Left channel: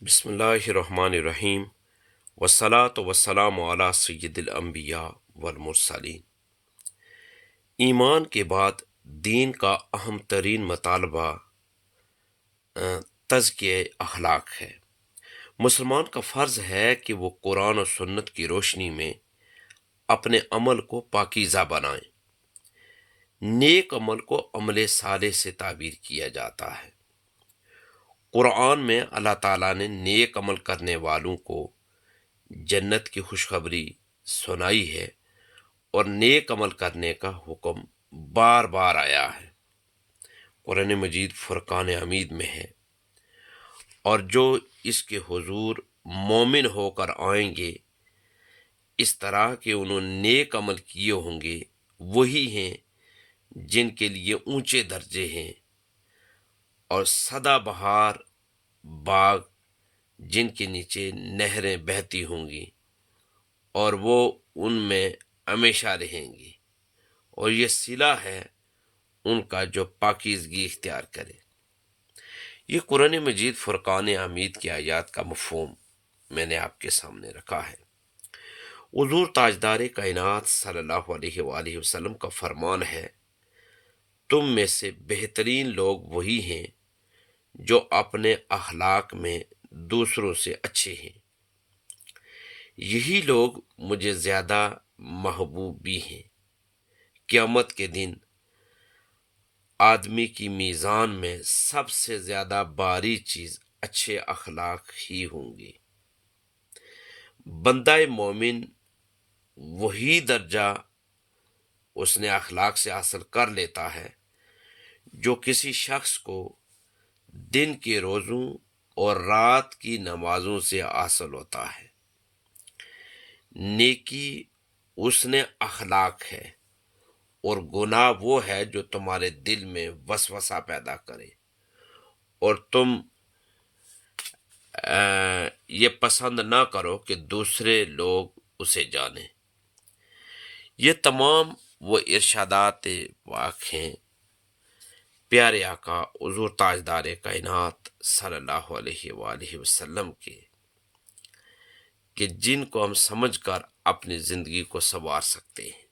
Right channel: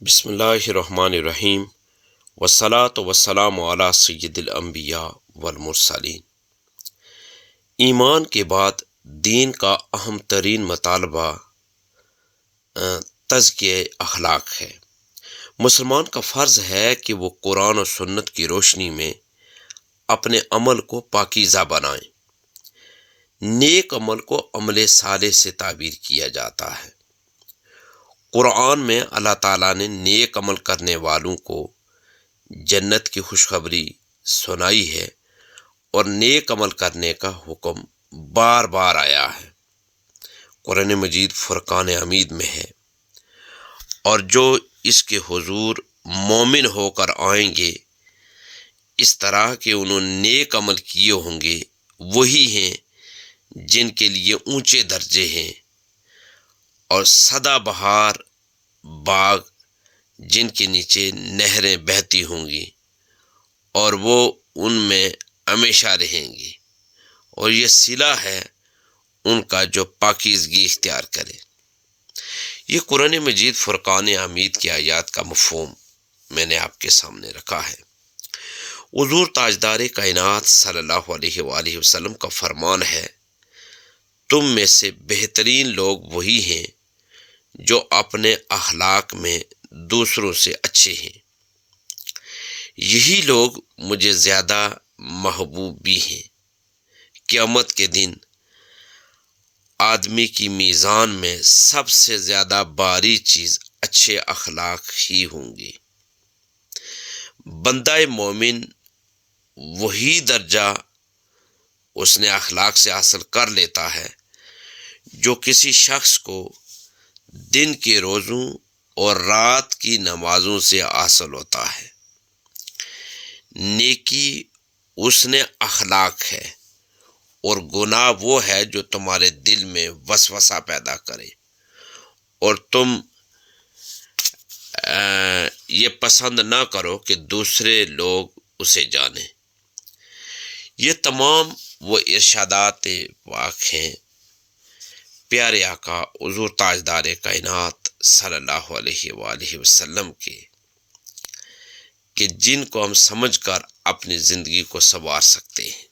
بسم اللہ الرحمن الرحیم والصلاة والسلام علی سید الانبیاء والمرسلین۔ ایمان کے بعد دین کا اہم ترین مطالبہ تزکیہ اخلاق ہے۔ مسلمان کا فرض ہے کہ وہ قرآن و سنت کی روشنی میں اپنے عمل کو پاکیزہ بنائیں۔ نیک عمل کو عمل صالح سے تعبیر کیا جاتا ہے۔ قرآن میں اللہ تعالیٰ نے نیک عمل کرنے والوں کو جنت کی خوشخبری سنائی ہے اور نیک عمل کرنے کا حکم بار بار آیا ہے۔ قرآن مجید فرقان حمید میں ہے، اور جو اس کے حضور مومن ہو کر آئیں گے اس طرح کہ انہوں نے نیک عمل کیے ہوں گے، وہی ہیں جن کے لیے اونچے درجے ہیں اور سدا بہار باغ جن کے نیچے نہریں بہتی ہوں گی، اور وہ ان میں ہمیشہ رہیں گی، اور یہ صلہ ہے ان کا جو پاکیزگی اختیار کرے۔ یہ قرآن مجید فرقان حمید کی آیات کا مفہوم میں نے آپ کے سامنے رکھا ہے۔ حضور تاجدار کائنات صلی اللہ علیہ وآلہ وسلم کا فرمان ہے، تم میں سے بہترین لوگ وہی ہیں جو اپنے اخلاق میں دوسروں سے اچھے ہیں۔ یہی لوگ مجھے زیادہ محبوب بھی ہیں۔ قیامت کے دن آدمی کی میزان میں سب سے زیادہ باری چیز اچھے اخلاق ہی ہوں گے۔ بندہ مومن وہی درجہ اس نے اخلاق سے حاصل کر لیتا ہے جو کسی شخص کو دن کے روزوں اور رات کی نمازوں سے حاصل ہوتا ہے۔ نیکی اس نے اخلاق ہے، اور گناہ وہ ہے جو تمہارے دل میں وسوسہ پیدا کرے اور تم یہ پسند نہ کرو کہ دوسرے لوگ اسے جانیں۔ یہ تمام وہ ارشادات پاک ہیں پیارے آقا حضور تاجدار کائنات صلی اللہ علیہ وآلہ وسلم کے، کہ جن کو ہم سمجھ کر اپنی زندگی کو سنوار سکتے ہیں۔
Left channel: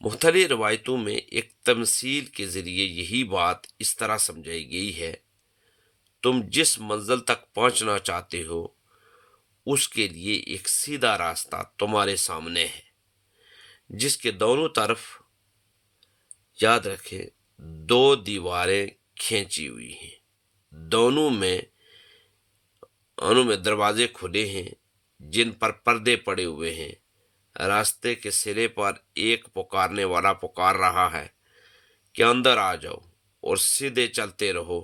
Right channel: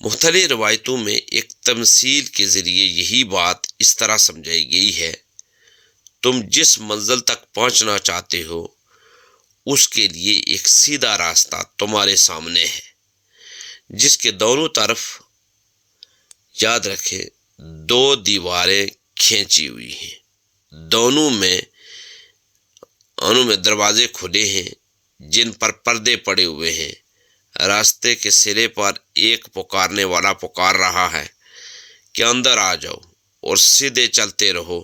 مختلف روایتوں میں ایک تمثیل کے ذریعے یہی بات اس طرح سمجھائی گئی ہے، تم جس منزل تک پہنچنا چاہتے ہو اس کے لیے ایک سیدھا راستہ تمہارے سامنے ہے، جس کے دونوں طرف یاد رکھیں دو دیواریں کھینچی ہوئی ہیں، دونوں میں دروازے کھلے ہیں جن پر پردے پڑے ہوئے ہیں۔ راستے کے سرے پر ایک پکارنے والا پکار رہا ہے کہ اندر آ جاؤ اور سیدھے چلتے رہو۔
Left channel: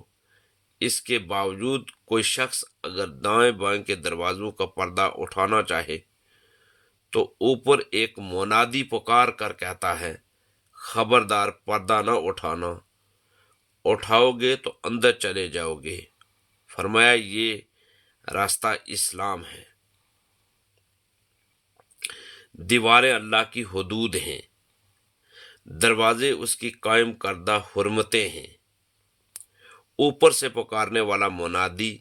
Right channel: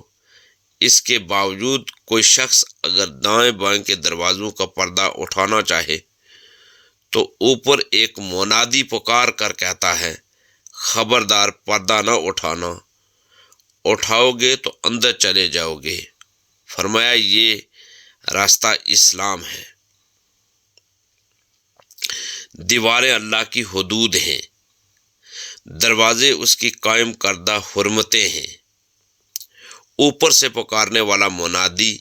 اس کے باوجود کوئی شخص اگر دائیں بائیں کے دروازوں کا پردہ اٹھانا چاہے تو اوپر ایک منادی پکار کر کہتا ہے، خبردار پردہ نہ اٹھانا، اٹھاؤ گے تو اندر چلے جاؤ گے۔ فرمایا یہ راستہ اسلام ہے۔ دیواریں اللہ کی حدود ہیں، دروازے اس کی قائم کردہ حرمتیں ہیں۔ اوپر سے پکارنے والا منادی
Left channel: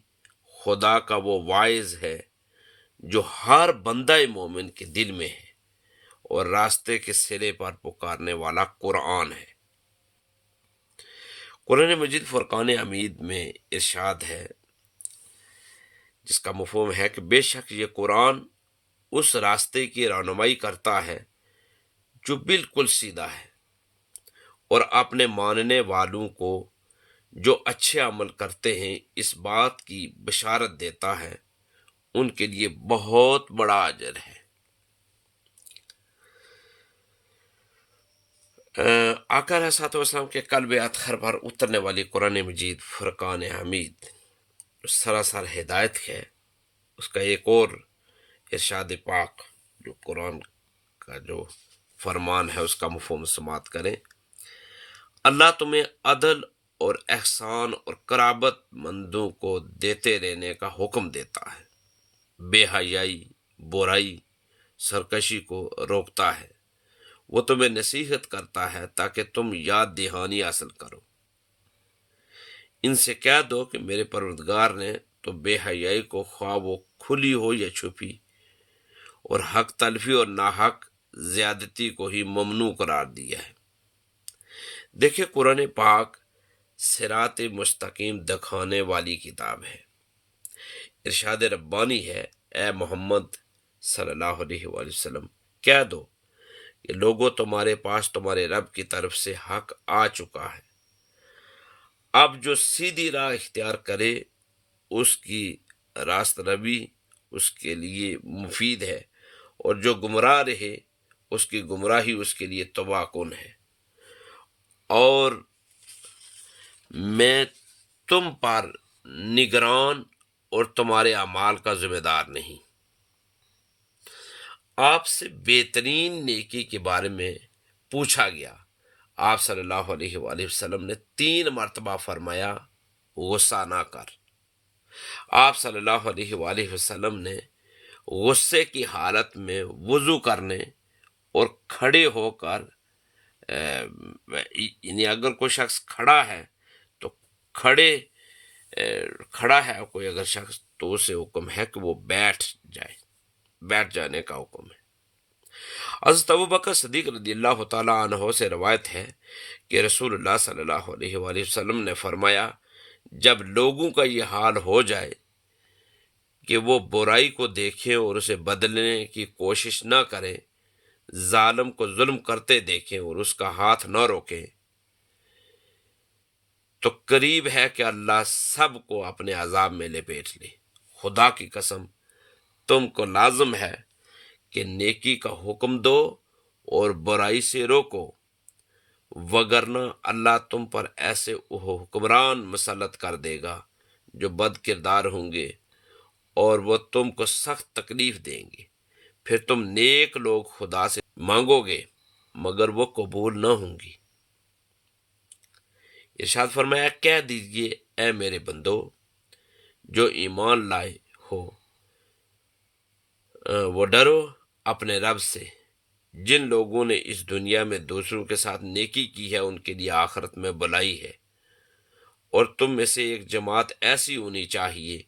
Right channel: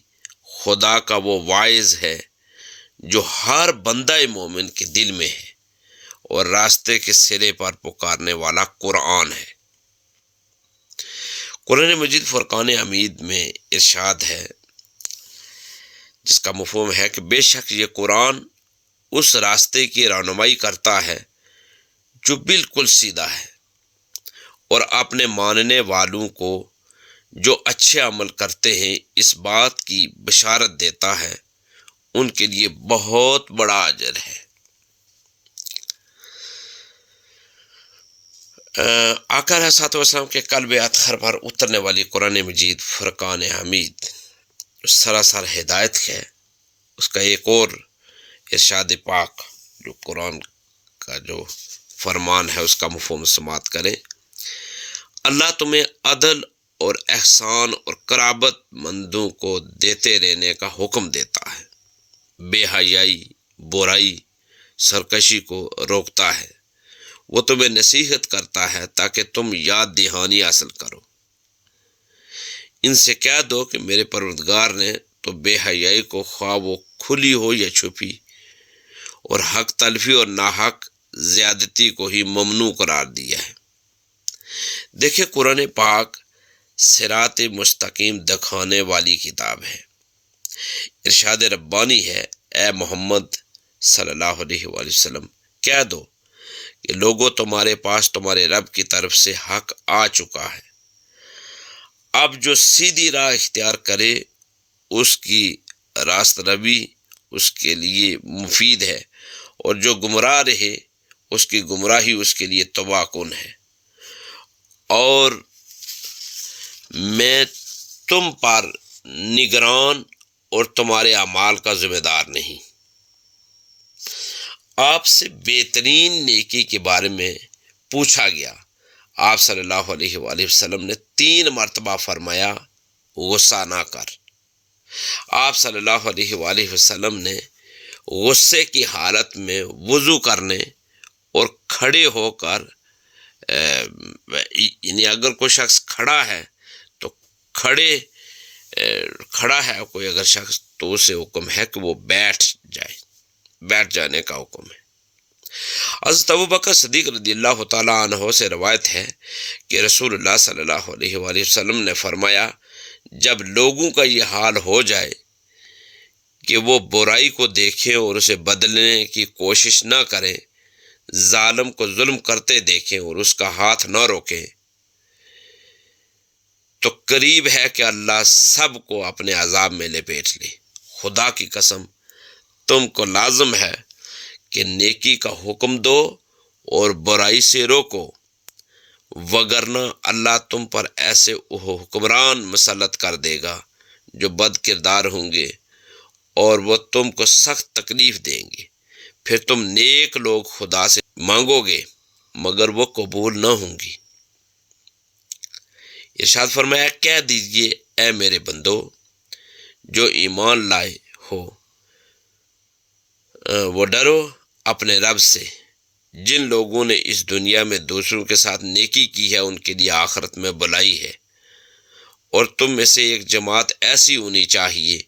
خدا کا وہ واعظ ہے جو ہر بندہ مومن کے دل میں ہے، اور راستے کے سرے پر پکارنے والا قرآن ہے۔ قرآن مجید فرقان حمید میں ارشاد ہے، جس کا مفہوم ہے کہ بے شک یہ قرآن اس راستے کی رہنمائی کرتا ہے جو بالکل سیدھا ہے، اور اپنے ماننے والوں کو جو اچھے عمل کرتے ہیں اس بات کی بشارت دیتا ہے، ان کے لیے بہت بڑا اجر ہے۔ آقا علیہ الصلوۃ والسلام کے قلب اطہر پر اترنے والی قرآن مجید فرقان حمید سراسر ہدایت ہے۔ اس کا ایک اور ارشاد پاک جو قرآن کا جو فرمان ہے اس کا مفہوم سماعت کریں، اللہ تمہیں عدل اور احسان اور قرابت مندوں کو دیتے رہنے کا حکم دیتا ہے، بے حیائی، برائی، سرکشی کو روکتا ہے، وہ تمہیں نصیحت کرتا ہے تاکہ تم یاد دہانی حاصل کرو۔ ان سے کہہ دو کہ میرے پروردگار نے تو بے حیائی کو خواہ وہ کھلی ہو یا چھپی، اور حق تلفی اور ناحق زیادتی کو ہی ممنوع قرار دیا ہے۔ دیکھیں، قرآن پاک صراط مستقیم دکھانے والی کتاب ہے۔ ارشاد ربانی ہے، اے محمد صلی اللہ علیہ وآلہ وسلم، کہہ دو کہ لوگوں، تمہارے پاس تمہارے رب کی طرف سے حق آ چکا ہے۔ اب جو سیدھی راہ اختیار کرے اس کی راست روی اس کے لیے مفید ہے، اور جو گمراہ رہے اس کی گمراہی اس کے لیے تباہ کن ہے، اور میں تم پر نگران اور تمہارے اعمال کا ذمہ دار نہیں۔ آپ سے بہترین نیکی کے بارے میں پوچھا گیا۔ آپ صلی اللہ علیہ وآلہ وسلم نے 3 مرتبہ فرمایا، غصہ نہ کر۔ آپ صلی اللہ علیہ وآلہ وسلم نے غصے کی حالت میں وضو کرنے اور کھڑے ہو کر یعنی اگر کوئی شخص کھڑا ہے تو کھڑا ہے کوئی اگر شخص، تو اسے حکم ہے کہ وہ بیٹھ جانے کا حکم ہے۔ حضرت ابوبکر صدیق رضی اللہ تعالیٰ عنہ سے روایت ہے کہ رسول اللہ صلی اللہ علیہ وآلہ وسلم نے فرمایا، جب لوگوں کا یہ حال ہو جائے کہ وہ برائی کو دیکھیں اور اسے بدلنے کی کوشش نہ کریں، ظالم کو ظلم کرتے دیکھیں اور اس کا ہاتھ نہ روکیں، تو قریب ہے کہ اللہ سب کو اپنے عذاب میں لپیٹ لے۔ خدا کی قسم، تم کو لازم ہے کہ نیکی کا حکم دو اور برائی سے روکو، وگرنہ اللہ تم پر ایسے حکمران مسلط کر دے گا جو بد کردار ہوں گے، اور وہ تم کو سخت تکلیف دیں گے۔ پھر تم نیک لوگ خدا سے مانگو گے مگر وہ قبول نہ ہوں گی۔ ارشاد فرمایا، کہہ دیجئے، اے میرے بندو جو ایمان لائے ہو، وہ ڈرو اپنے رب سے۔ جن لوگوں نے اس دنیا میں دوسروں کے ساتھ نیکی کی ہے ان کے لیے آخرت میں بھلائی ہے، اور تم میں سے ایک جماعت ایسی ہونی چاہیے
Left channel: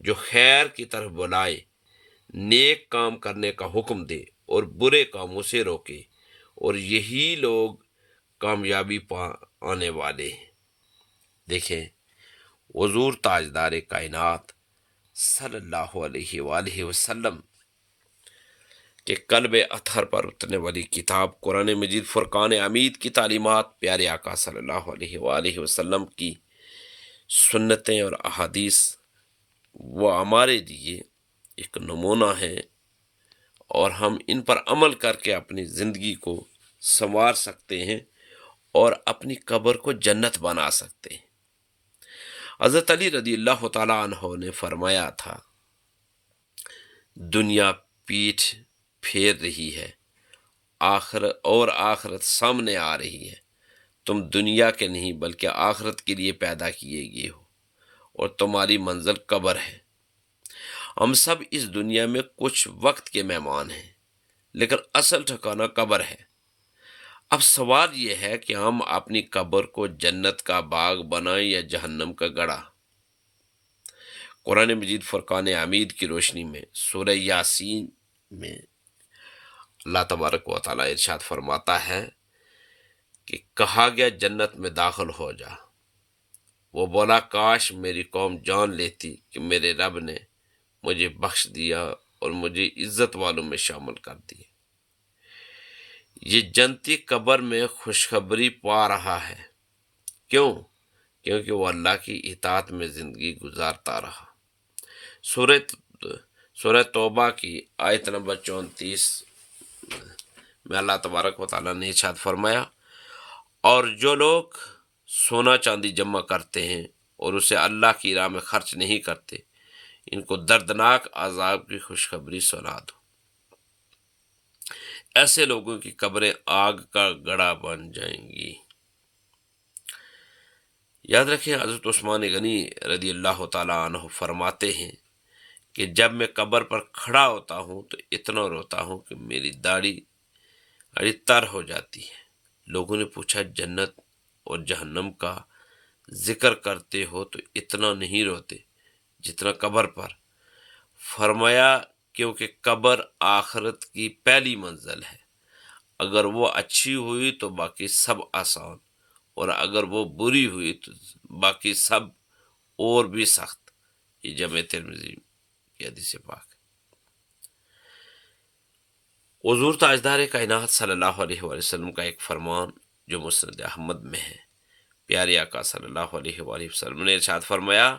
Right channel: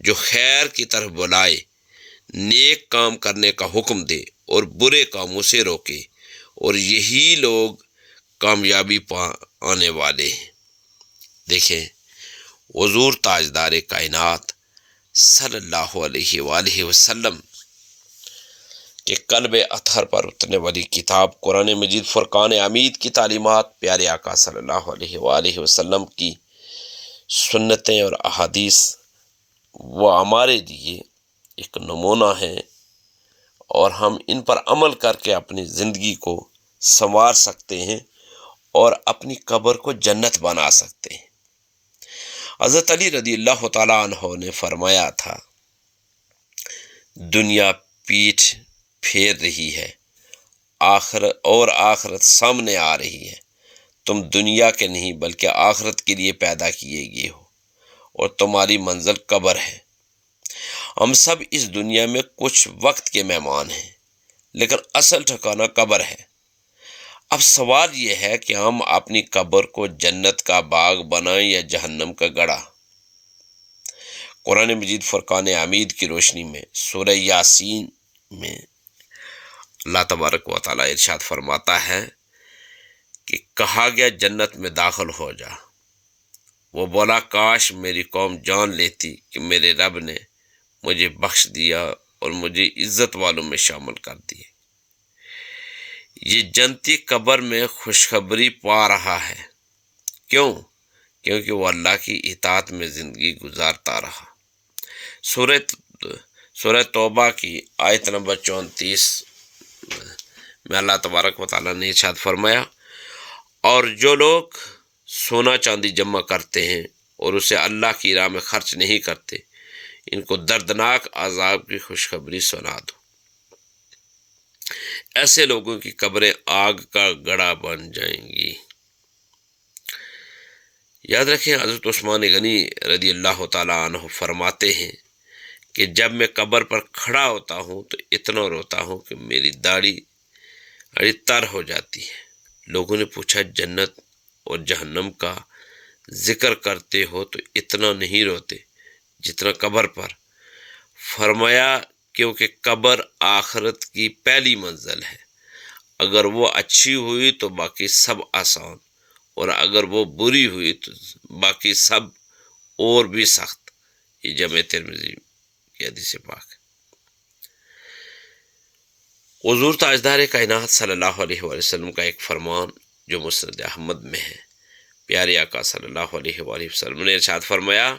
جو خیر کی طرف بلائے، نیک کام کرنے کا حکم دے اور برے کاموں سے روکے، اور یہی لوگ کامیابی پانے والے ہیں۔ دیکھیں، حضور تاجدار کائنات صلی اللہ علیہ وآلہ وسلم کہ قلب اطہر پر اترنے والی کتاب قرآن مجید فرقان حمید کی تعلیمات، پیارے آقا صلی اللہ علیہ وآلہ وسلم کی سنتیں اور احادیث، وہ ہمارے لیے ایک نمونہ ہیں، اور ہم ان پر عمل کر کے اپنی زندگی کو سنوار سکتے ہیں اور اپنی قبر کو جنت بنا سکتے ہیں۔ حضرت علی رضی اللہ تعالیٰ عنہ نے فرمایا تھا، دنیا پیٹھ پھیر رہی ہے، آخرت سامنے آ رہی ہے۔ تم دنیا کے نہیں بلکہ آخرت کے لیے پیدا کیے گئے ہو، اور تمہاری منزل قبر ہے۔ ہم سب اس دنیا میں کچھ وقت کے مہمان ہیں، لیکن اصل ٹھکانہ قبر ہے۔ اب سوال یہ ہے کہ ہم اپنی قبر کو جنت کا باغ بنائیں یا جہنم کا گڑھا۔ قرآن مجید فرقان حمید کی روشنی میں سورہ یاسین میں اللہ تبارک و تعالیٰ ارشاد فرماتا ہے کہ کہا گیا جنت میں داخل ہو جا۔ وہ بولا، کاش میری قوم جان لیتی کہ میرے رب نے مجھے بخش دیا اور مجھے عزت والوں میں شامل کر دیے۔ یہ جنتی قبر میں خوشخبری پا رہا ہے۔ کیوں؟ کیونکہ وہ اللہ کی اطاعت میں زندگی گزارتا رہا۔ سورہ توبہ کی آیت نمبر 34 میں اللہ تبارک و تعالیٰ نے ارشاد فرمایا، اور جو لوگ سونا چاندی جمع کرتے ہیں اور اسے اللہ کی راہ میں خرچ نہیں کرتے، ان کو دردناک عذاب کی خوشخبری سنا دو۔ ایسے لوگوں کی قبریں آگ کا گڑھا بن جائیں گی۔ یاد رکھیں، حضرت عثمان غنی رضی اللہ تعالیٰ عنہ فرماتے ہیں کہ جب میں قبر پر کھڑا ہوتا ہوں تو اتنا روتا ہوں کہ میری داڑھی تر ہو جاتی ہے۔ لوگوں نے پوچھا، جنت اور جہنم کا ذکر کرتے ہو تو اتنا نہیں روتے جتنا قبر پر۔ فرمایا کیونکہ قبر آخرت کی پہلی منزل ہے، اگر وہ اچھی ہوئی تو باقی سب آسان، اور اگر وہ بری ہوئی تو باقی سب اور بھی سخت۔ یہ جامع ترمذی کی حدیث پاک ہے۔ حضور تاجدار کائنات صلی اللہ علیہ وآلہ وسلم کا ایک فرمان جو مسند احمد میں ہے، پیارے آقا صلی اللہ علیہ وآلہ وسلم نے ارشاد فرمایا،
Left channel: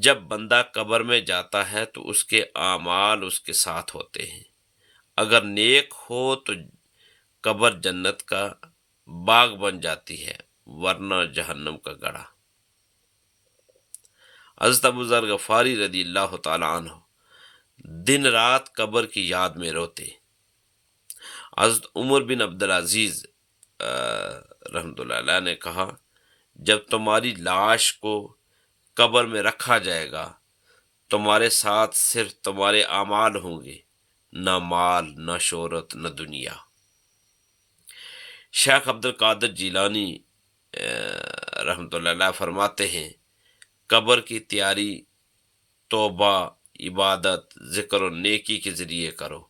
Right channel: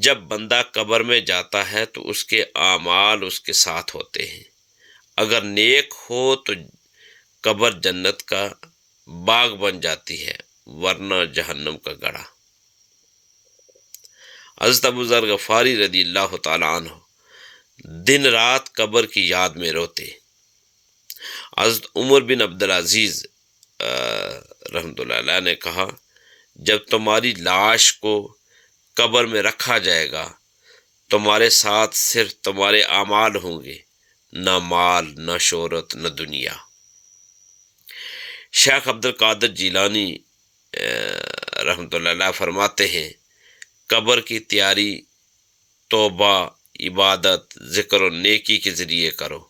جب بندہ قبر میں جاتا ہے تو اس کے اعمال اس کے ساتھ ہوتے ہیں، اگر نیک ہو تو قبر جنت کا باغ بن جاتی ہے، ورنہ جہنم کا گڑھا۔ حضرت ابو ذر غفاری رضی اللہ تعالی عنہ دن رات قبر کی یاد میں روتے۔ حضرت عمر بن عبدالعزیز رحمۃ اللہ علیہ نے کہا، جب تمہاری لاش کو قبر میں رکھا جائے گا تمہارے ساتھ صرف تمہارے اعمال ہوں گے، نہ مال، نہ شہرت، نہ دنیا۔ شیخ عبد القادر جیلانی رحمۃ اللہ علیہ فرماتے ہیں، قبر کی تیاری توبہ، عبادت، ذکر و نیکی کے ذریعے کرو،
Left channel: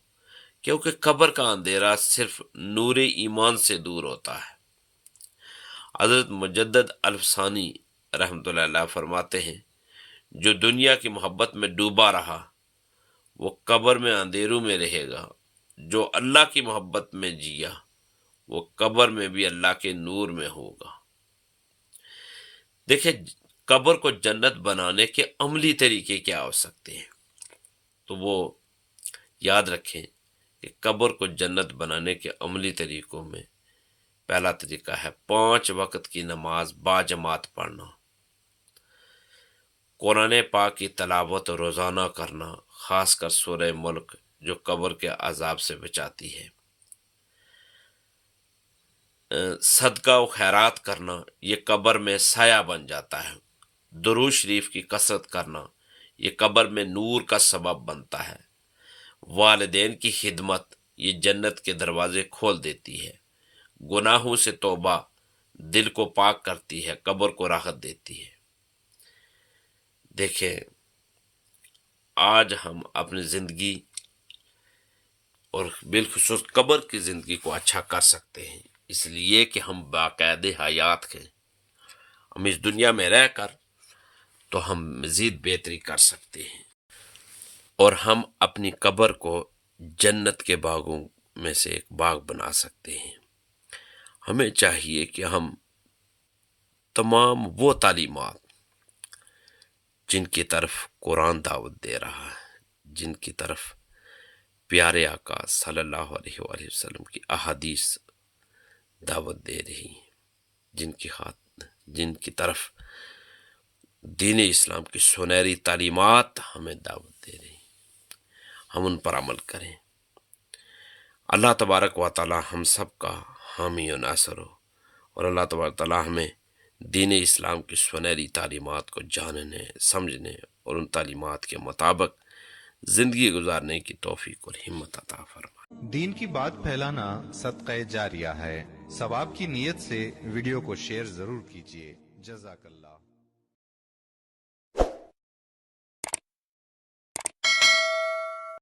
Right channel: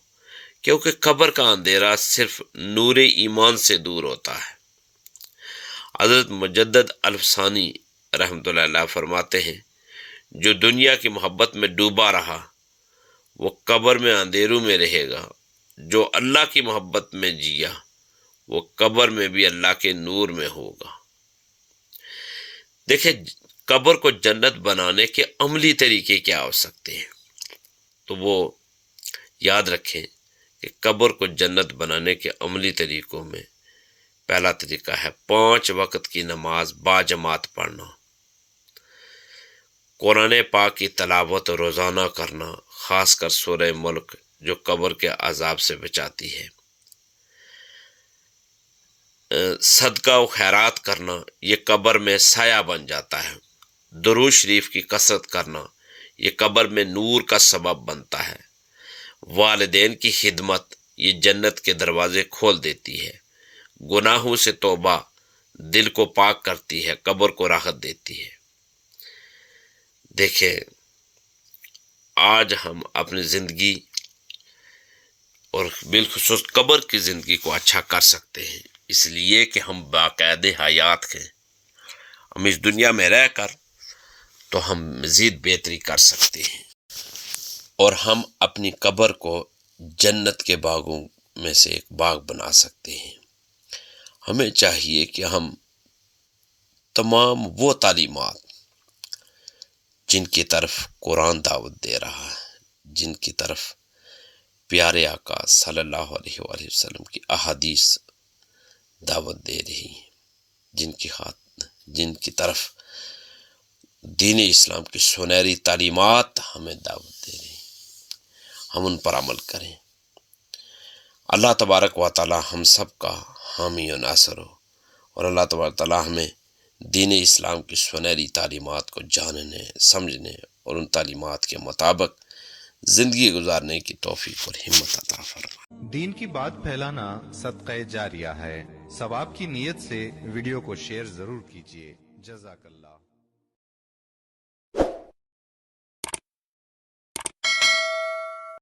کیونکہ قبر کا اندھیرا صرف نور ایمان سے دور ہوتا ہے۔ حضرت مجدد الفسانی رحمۃ اللہ علیہ فرماتے ہیں، جو دنیا کی محبت میں ڈوبا رہا وہ قبر میں اندھیروں میں رہے گا، جو اللہ کی محبت میں جیا وہ قبر میں بھی اللہ کے نور میں ہوگا۔ دیکھیں، قبر کو جنت بنانے کے عملی طریقے کیا ہو سکتے ہیں، تو وہ یاد رکھیں کہ قبر کو جنت بنانے کے عملی طریقوں میں پہلا طریقہ ہے 5 وقت کی نماز باجماعت پڑھنا، قرآن پاک کی تلاوت روزانہ کرنا، خاص کر سورہ ملک جو قبر کے عذاب سے بچاتی ہے، صدقہ و خیرات کرنا، یہ قبر میں سایہ بن جاتا ہے، درود شریف کی کثرت کرنا، یہ قبر میں نور کا سبب بنتا ہے، والدین کی خدمت، یہ جنت کے دروازے کھول دیتی ہے، گناہوں سے توبہ دل کو پاک کرتی ہے، قبر کو راحت دیتی ہے۔ دیکھیں، آج ہم اپنی زندگی اور بالخصوص قبر کی زندگی کو اچھا کر سکتے ہیں، اس لیے کہ ہم باقاعدہ حیات ہیں، ہم اس دنیا میں رہ کر تو ہم مزید بہتری کر سکتے ہیں، اور ہم اپنی قبر کو جنت کے باغوں میں سے ایک باغ بنا سکتے ہیں۔ ہمیں چاہیے کہ ہم تمام وہ تعلیمات جن کی طرف قرآن دعوت دے رہا ہے، جن کی طرف پیارے آقا صلی اللہ علیہ وآلہ وسلم کی احادیث دعوت دے رہی ہیں، جن کی طرف دین اسلام کی سنہری تعلیمات ہمیں دعوت دے رہی ہیں، ہم ان پر عمل کریں۔ اللہ تبارک و تعالی ہم سب کا حامی و ناصر ہو، اور اللہ تبارک و تعالی ہمیں دین اسلام کی سنہری تعلیمات کو جاننے، سمجھنے اور ان تعلیمات کے مطابق زندگی گزارنے کی توفیق اور ہمت عطا فرمائے۔ دین کی بات پھیلانا صدقہ جاریہ ہے، ثواب کی نیت سے ویڈیو کو شیئر ضرور کیجیے۔ جزاک اللہ۔